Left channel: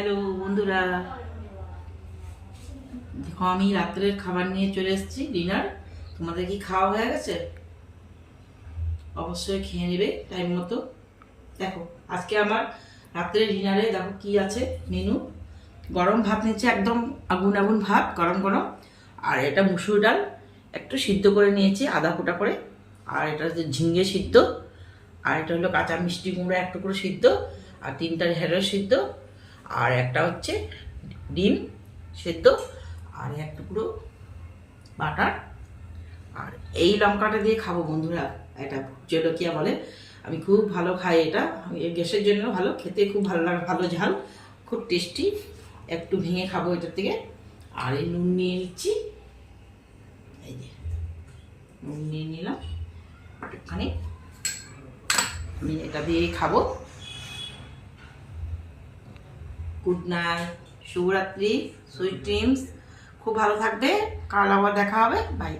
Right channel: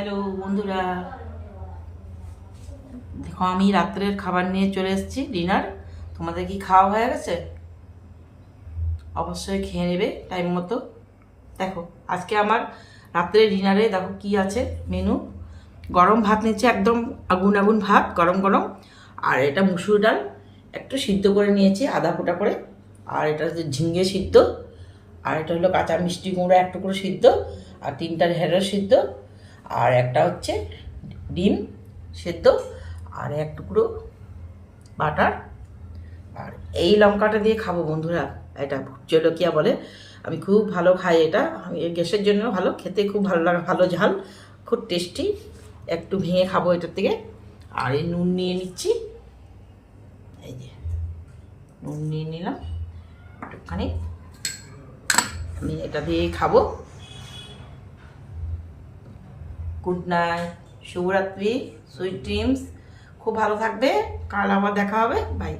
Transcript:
Hello বন্ধুরা, দেখো আমি রাত্রের খাবার নিয়ে চলে এসেছি, ডিনার। তোমাদের কি খাওয়া হয়ে গেছে? অবশ্যই খেয়ে নেবে টাইম মতো। দেখো আজকে আমার রাত্রের ডিনারে দেখো কি আছে মেনু। গরম ভাত নিচ্ছে, একদম আগুন আগুন ভাত, গরম গরম। আর এটা মুসুর ডাল একটু সিদ্ধ করে নিয়েছি আধা ফোঁটা করে। আর এটা হচ্ছে ঝিঙে সিদ্ধ। আর এটা হলো কাঁচা মিষ্টি কুমড়ো এক টুকরো সিদ্ধ। আর তিনটা ঢেঁড়স সিদ্ধ। আর একটা হচ্ছে ডিম সেদ্ধ। আর এক টুকরো বাটার। আর এই লঙ্কাটা দিয়ে খাবো বন্ধুরা, এটা ভুট জলকিয়া বলে। আমি খুব ভালো খাই এটা, আমি গ্যাসের জন্য ভালো, খেতে খুব ভালো লাগে, ভালো ঝাল, খুব টেস্টি। একটু ভেঙে খাবো এটার থেকে। আর এই নুন নিয়ে নিচ্ছি, এই যে নুন নিয়ে নিলাম একটুখানি, আমি এটা দিয়েই খাবো। গুড নাইট, শুভরাত্রি, সুইট ড্রিমস। খুব ভালো থাকবে, কাল আবার দেখা হবে, বাই।